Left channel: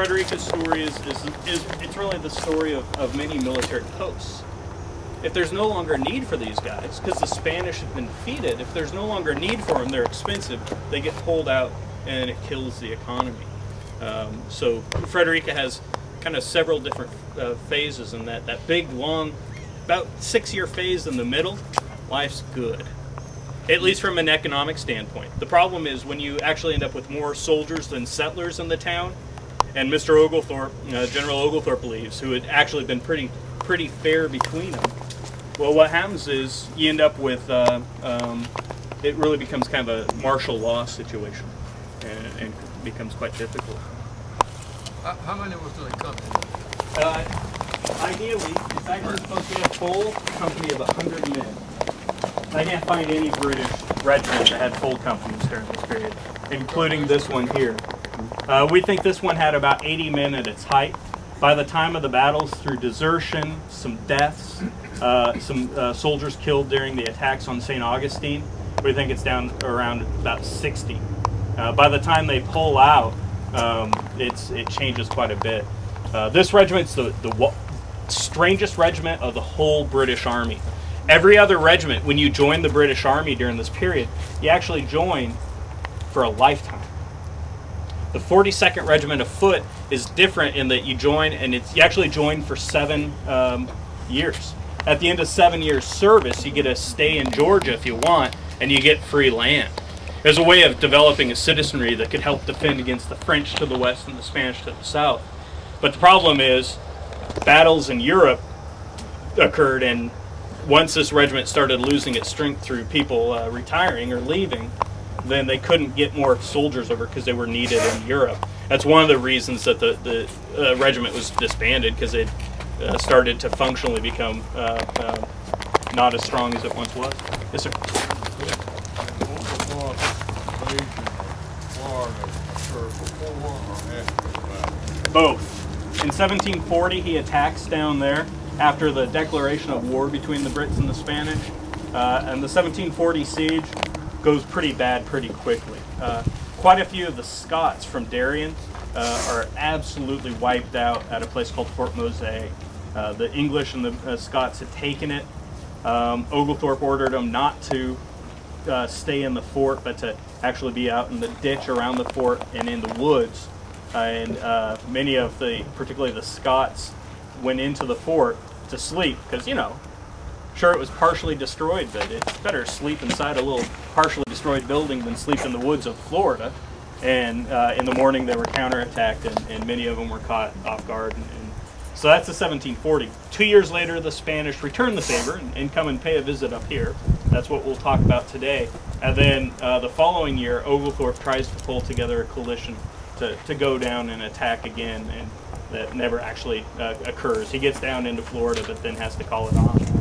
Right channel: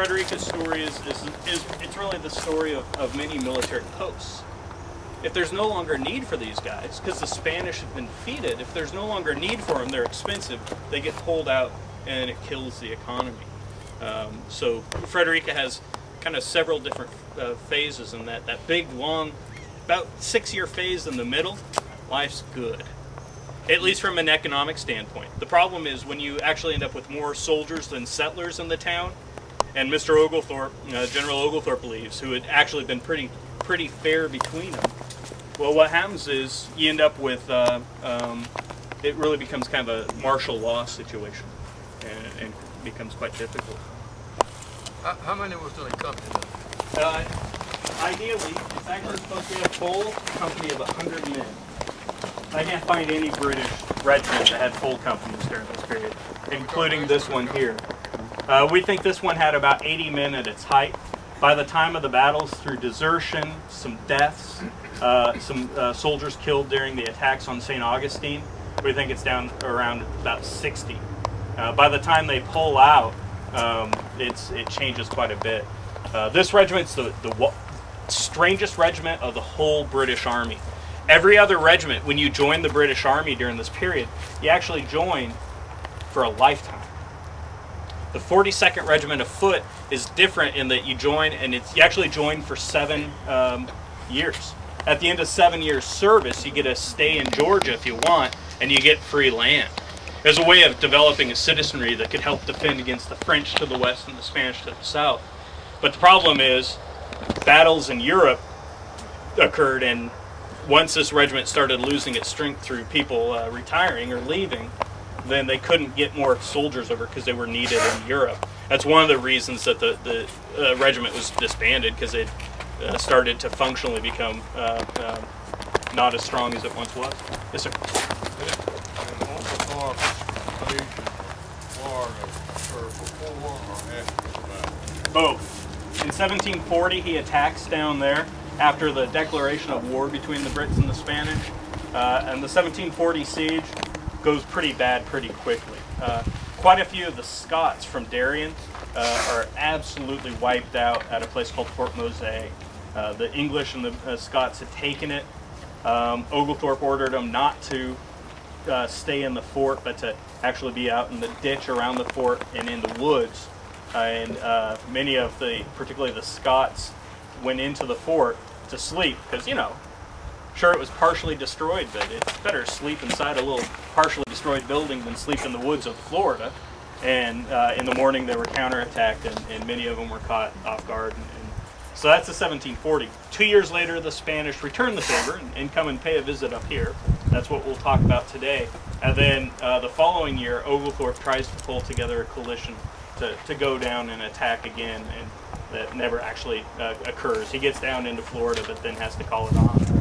Frederica's story is it's really the story of many military posts. If there's no longer a need for these guys, because the Spanish have been defeated, if there's no longer a need for them, they're expensive, they get pulled out and it kills the economy. So Frederica has kind of several different phases in that. That big, long, about 6-year phase in the middle, life's good. At least from an economic standpoint. The problem is when you actually end up with more soldiers than settlers in the town, and Mr. Oglethorpe, General Oglethorpe believes, who had actually been pretty fair between them. Well, what happens is you end up with, it really becomes kind of a martial law situation, and becomes quite difficult. How many was the company? Ideally, it's actually supposed to be a full company of 100 men. I can't find any British regiment that had full companies during this period, including this one here. We think this one had about 80 men at its height. By the time of the battles, through desertion, some deaths, some soldiers killed during the attacks on St. Augustine, we think it's down around about 60. By the time they pull out, it changes quite a bit. This regiment's the strangest regiment of the whole British Army. Every other regiment, when you join the British Army during this period, you actually join for a lifetime. The 42nd Regiment of Foot is different in that you join, and you actually join for 7 years. At the end of 7 years service, you get to stay in Georgia if you want, and you get free land. There's a way of developing a citizenry that could help defend against the French to the west and the Spanish to the south. But the problem is, battles in Europe occurred, and once this regiment started losing its strength through people retiring or leaving, then they couldn't get more soldiers over because they were needed in Europe. That's one of the reasons that the regiment was disbanded, because it started to functionally become not as strong as it once was. Yes, sir. Both. In 1740, he attacks down there after the declaration of war between the Brits and the Spanish, and the 1740 siege goes pretty bad pretty quickly. Quite a few of the Scots from Darien are absolutely wiped out at a place called Fort Mose. The English and the Scots had taken it. Oglethorpe ordered them not to stay in the fort, but to actually be out in the ditch around the fort and in the woods. And many of particularly the Scots, went into the fort to sleep, because, you know, sure, it was partially destroyed, but it's better to sleep inside a little partially destroyed building than sleep in the woods of Florida. And in the morning they were counterattacked, and many of them were caught off guard. And so that's the 1740. 2 years later, the Spanish return the favor and come and pay a visit up here. That's what we'll talk about today. And then the following year, Oglethorpe tries to pull together a coalition to go down and attack again, and that never actually occurs. He gets down into Florida, but then has to call it off.